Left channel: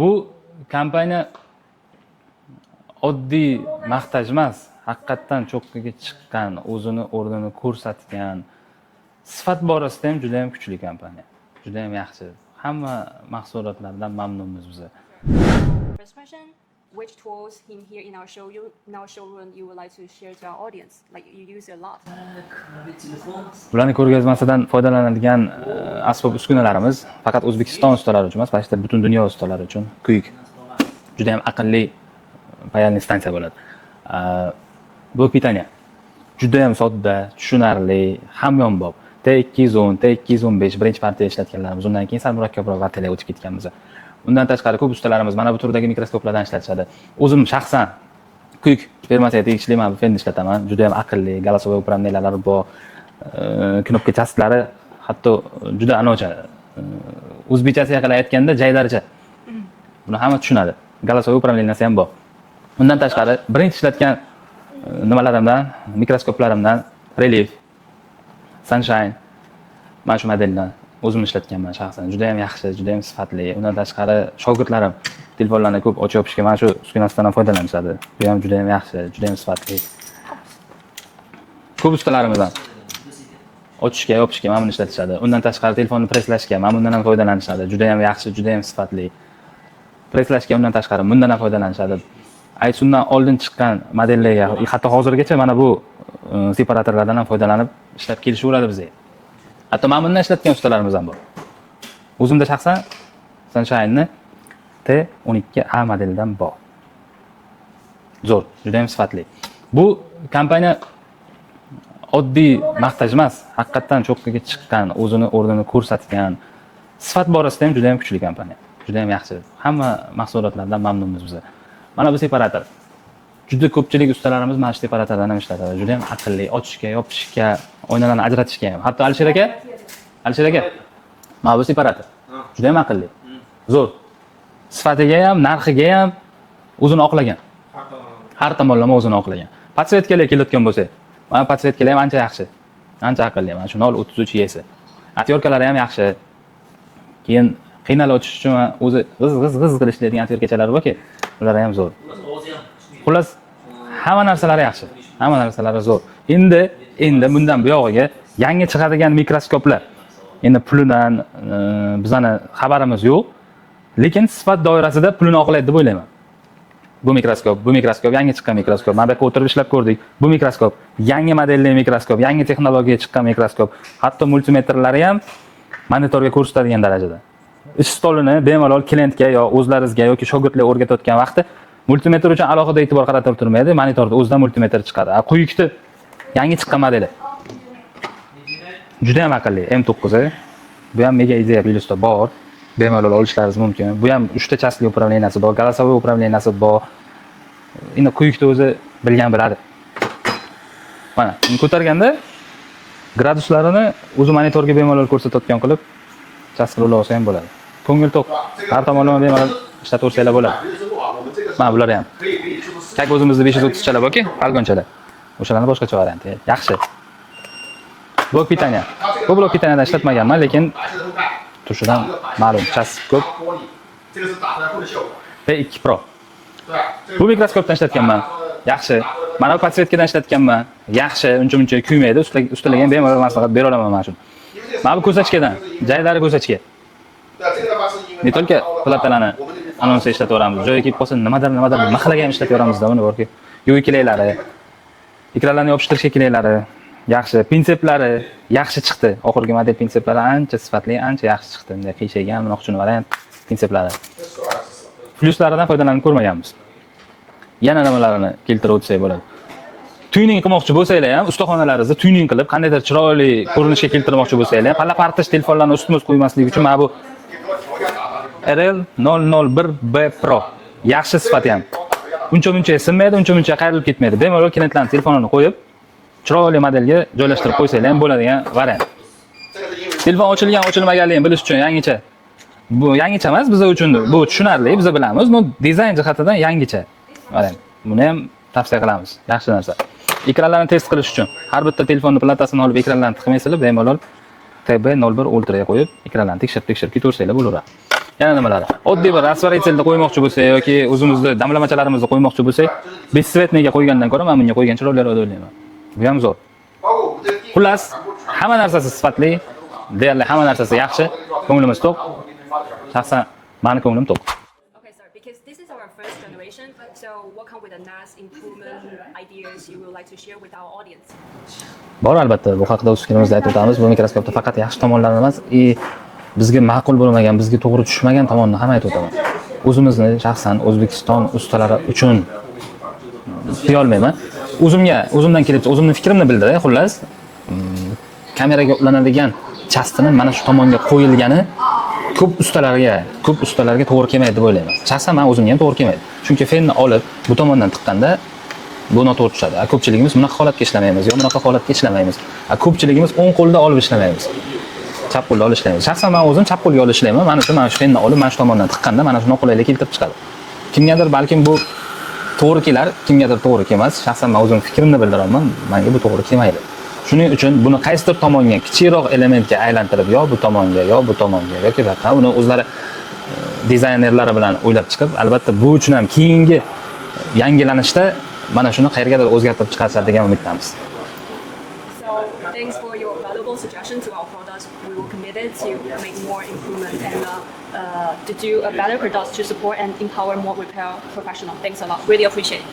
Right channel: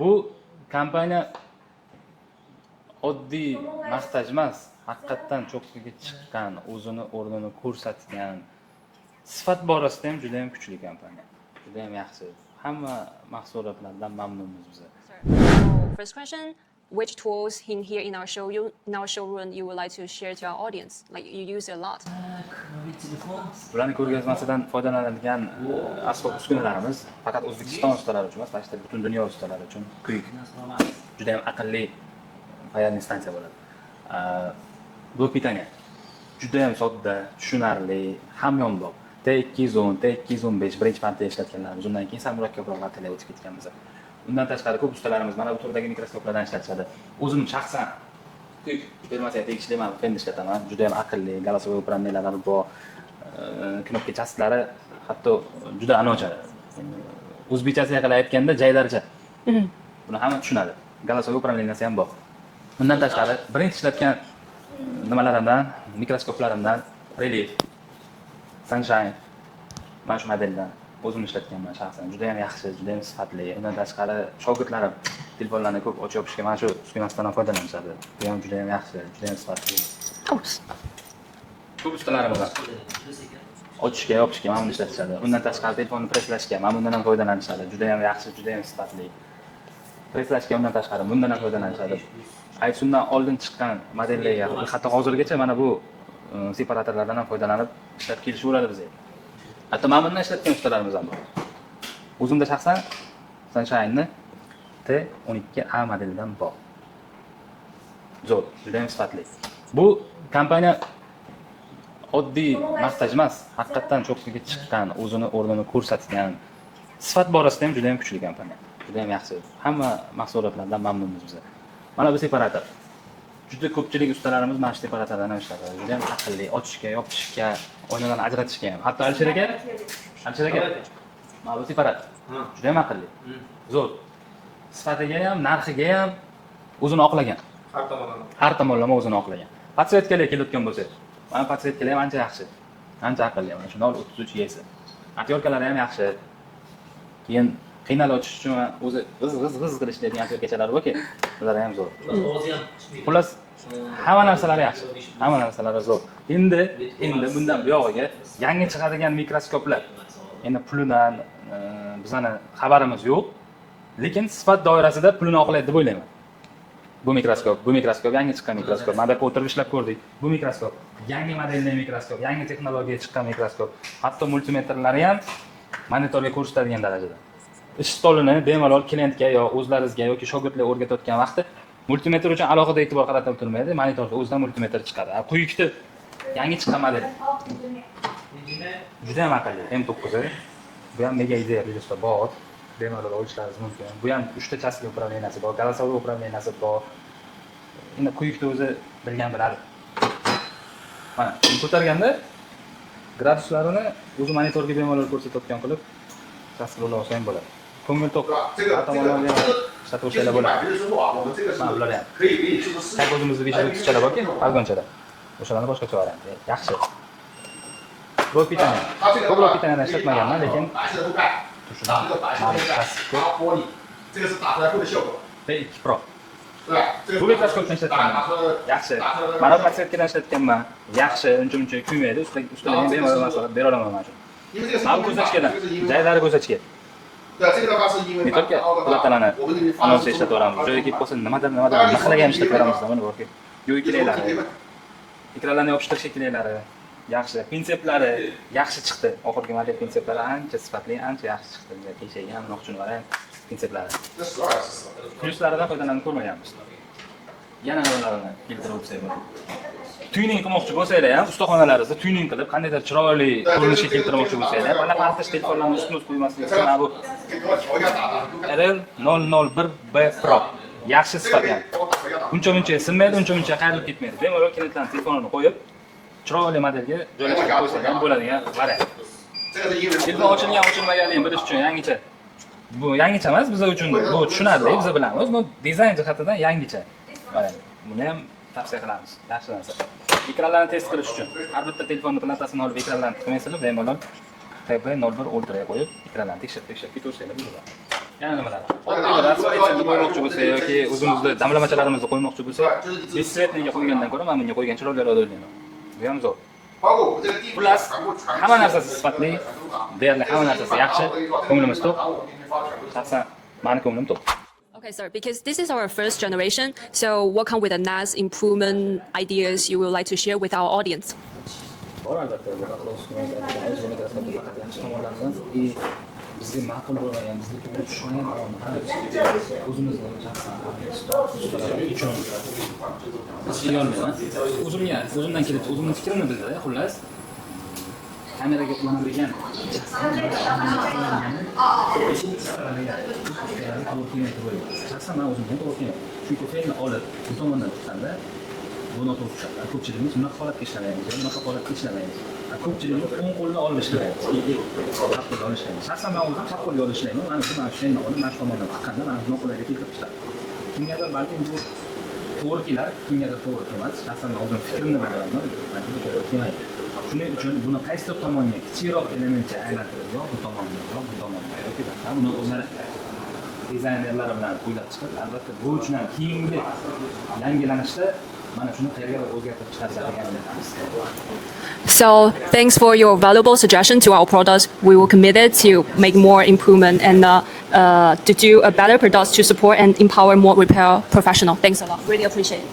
Bu kompaniya oddiy maqtaj emas, haqiqatdan cho'qqiga chiqqan, o'zini o'rnini ko'rsatgan, sifat borasida ham juda ham kuchli kompaniya. Juda ham yaxshi. Hamma mahsulotlardan mamnunmiz biz. First question, which tools in here in our showroom you would like to share to our audience? Like you use it a lot. Bularning ko'rgazmasidan foydalanadigan asbob uskunalarimiz faqat O'zbekiston ustalari uchun emas, balki butun dunyo ustalari uchun kuyik. Juda ham aqlli payalni stansiya bo'ladi. Bu pitaniya juda ham sodda, tushunarli, hamyonbop. T210, T215 birinchi partiya ishlatganlarimiz, undan keyin sal murakkabroq partiyaga o'tib ketganmiz. Undan tashqari ko'p ustalarimiz mana bu turdagi mikroskoplardan ishlatishadi. O'zim shaxsan kuyik fermasiga tegishli men bu felni ishlataman. Juda ham aqlli, голосовой управлениялari bor, knopka chastlari hatto juda anocha. O'zbekchasiga qilib aytganda jaydarcha. Buni hamma tushunadi. Голосовой управленияsi ham bor. Undan tashqari birinchi ishlatgan nimalarimdan, mikroskoplarimdan Relief, Sunshine mana shu modeldan o'zim ishlatganman shaxsan. Juda ham yaxshi, juda ham sifatli. Undan tashqari shogirdlarim telefonlarni ko'p ochib yopishga mana shu uskunasidan foydalanishadi. Bu ham juda ham yaxshi, juda ham sifatli. Ko'p ustalarimizdan ochishga, yopishga mana buni ishlatishadi. Undan tashqari telefonni preslashga mana bundan ham foydalanishadi. Juda ham yaxshi, juda ham sifatli. Preslashga undan tashqari bundan ham foydalanishadi. Aysundan oldin chiqqan modellarga, hatto hozirgacha mana bu separatorlardan ham foydalanib ishlab kelishaveradi bizga. Hatto mana bundan ishlatgan ustalarimiz ham bor. O'zimda shaxsan Sunshine'ni T12A modelidan bor. Zo'r, juda ham sifatli. Bu kompaniya oddiy maqtaj emas, haqiqatdan cho'qqiga chiqqan, o'zini o'rnini ko'rsatgan, sifat borasida ham juda ham kuchli kompaniya. Juda ham yaxshi. Hamma mahsulotlardan mamnunmiz biz. Mana bu separator. Juda ko'pchilik ustalarimiz mana shu separatordan ham ishlatadi. Juda ham aqlli, ochishga, yopishga, oynalarni ajratishga ham. Hatto Alisher aka, mana bu separator. Juda ham aqlli. Zo'r. Sifatiga ham, narxiga ham o'zini oqlagan. Har tomonlama o'zini oqlagan. Podsvetkalar kelayotgan bo'lsa, mana podsvetkalar ham ancha yaxshi. Ancha aqlli. Mana shu 033 yesi. Atyorkalari ham yaxshi. Keyin qiynalib ochish uchun o'zi g'iz qilib ishlaydigan atyorkachalar borki, ular ham zo'r. Xullas, hamma narsalari yaxshi. Hamma narsalari zo'r. Endi bundan buyog'iga yangi chiqadigan mikroskoplar. Endi pulidan bizani xabarimiz yo'q, lekin sifat doirasida pulini oqlaydi deb o'ylayman. Bu mikroskop yangi chiqqan mikroskop. Mana bu o'tirib ishlab ko'rdik. Bu mikroskop yangi modelli mikroskop, yangi texnologiya chiqqan mikroskop. Hatto multimetrlari ham monitorga ko'rsatadigan darajada. Ish stolini bemalol klientga yo o'zlaringizga yoki shogirdlarga o'rgatayotgan vaqtda multimetr uchun alohida e'tibor qaratib turmaydi, monitorda o'zidan multimetr chiqadi. Quyikni yangi chiqqan modeli. Juda ham aqlli M9. Bu ham mega ideya bilisda bor. Bemalol olishlaringiz mumkin. Bu ham 3 ta chastli управленияsi bor, голосовой управленияsi bor. Endi quyikni o'zi bilgan biladi. Mana, buni ko'targanda graduslarini o'zi monitorga bemalol ko'rsatayotgan qilib chastlik olsa ham bo'ladi. Ko'ngil to'q. Har tomonlama bemalol ishlataversanglar bo'ladi. Mana bular ham. Chak o'zimizda 530 chalar borki, argonchalar. O'shalarni boshqacha varianti. Yaxshi. Blok pitaniya. Ko'proq pitaniyadan ishlatmaganman, lekin tushidan ma'lum chasib ko'p. T2 Pro. Bu mikroskopdan ishlatganman. Yaxshi. Mana bu podsvetkadan ishlatganman. Yaxshi, uncha-muncha kuymaydi. Ustalarga ham bemalol maslahat bera olaman mana shu. Mana bu ko'rsatkichdan, jaydari ko'rsatkichga. Ne только platalarni anonsi ishlataveramiz. Joyiga kelib qolsa nimadir maxlagan ishlataveramizda buni borki. Yo'qilaylari, ekranlarni yopishtirishga kelaylari yaxshi, prinsiplari yaxshi chiqdi. Oxirgi model prinsiplari ancha sifatli, ancha yaxshi chiqdi. Bunday qiyshaygan, unoqchun variant prinsiplari. Plyuslaridan foydalanib ko'rmaganmiz. Yana nimalarini keltirib o'tsak bo'ladi. Tuning qilmoqchi bo'lsanglar ham, ustaxonalaringizda tuning qilib, qandaydir chiroyli ko'rinishga keltirmoqchi bo'lsanglar, palla partish telefonlarni ustma ust qo'ymaslik uchun mana bu RL001B Pro. Yaxshi sifati ham. Uncha-muncha sinmaydi, uncha-muncha qayrilib ketmaydi. Bemalol klientlarning telefonini qo'yib, chiroyli modelga joylashtirib qo'ysanglar ham bo'ladigan variant. Telefon ochilgan, ochilmaganligini bilish uchun yangicha. Bu yangicha emas biz uchun, bu tushunarli, biz bilamiz, но dizayn jihatidan yangicha. Variant. Buni ham tavsiya qilamiz. Yaxshi narsa. Ekranlarni test qilish uchun har bitta telefonni platasini olib ekranlarni tiqmaysizlar, bemalol TB01 Ultra ga qo'yib ekranlarni tekshirib ketaversanglar bo'laveradi. Yana nimalar? Oddiy bir rasvoritselni qo'ymoqchi bo'lsak yoki o'zimizni damlamachalarimizni qo'ymoqchi bo'lsak, bessvetniga qo'ygandan ko'ra men bunga qo'ygan chiroyliroq deb o'ylayman. Bu ham zo'r. Xullas, hamma narsasi sifatli, deyarli hamma narsasi yaxshi, ko'nglimiz to'q. Shaxsan meni ko'nglim to'q. Okay, sir, because this is our first generation, so what kind with the NAS improvement ideas you would like to share with our audience? Bor albatta, bu haqida o'z fikrimizda aytib o'tamiz. Bu mikroskopda faqat yaxshi tomonlarini emas, bizga ma'qul bo'lmagan, bizga to'g'ri tushmagan tomonini ham aytib o'taman. O'zimizni shaxsan O'zbekiston ustalari uchun deya olmayman. O'zimdan kelib, o'zimning fikrimni bildiray, xullas. Kameraga ulanadigan chastini mana shu tomonga qo'yilgani ko'p ustalarga to'g'ri kelmaydi deb o'ylayman. Shaxsan men o'zimga ham to'g'ri kelmaydi. Chunki fenni olib bu tomondan tiqqanda bu noto'g'ri tushadi. Ko'pchiligimiz bunaqa holatga ishlamaymiz, yo bunaqa holatga ishlamaymiz. Ko'pchiligimiz o'ng qo'lda olib ishlamaymiz. Chap qo'lda olib ishlaymiz. Shaxsan men o'zim chap qo'lga olib ishlayman. Mana shu fenni olib mana shu tomondan tiqqanda mana shu noqulaylik keltirib chiqadi. Kimgadir balkim bu to'g'ri kelar, kimgadir to'g'ri kelmas. Shaxsan men o'zim fikrimni bildiraman. Menga bu to'g'ri kelmaydi. Shuning uchun buni qaysidir tomonga kichikroq elementga aylantirib, yo bu tomonga yoki boshqa uni o'zlari dizaynerlari bilan o'ylab chiqib, albatta bu uchun ham keyingi yangilanishda mana shuni qayergadir o'zgartirib chiqarishadi degan umiddamiz. So, thanks for your valuable suggestion to our products. We will committed to make more improvement and to do a better products to support and empower more repair professionals. Thanks a lot. Really appreciate it.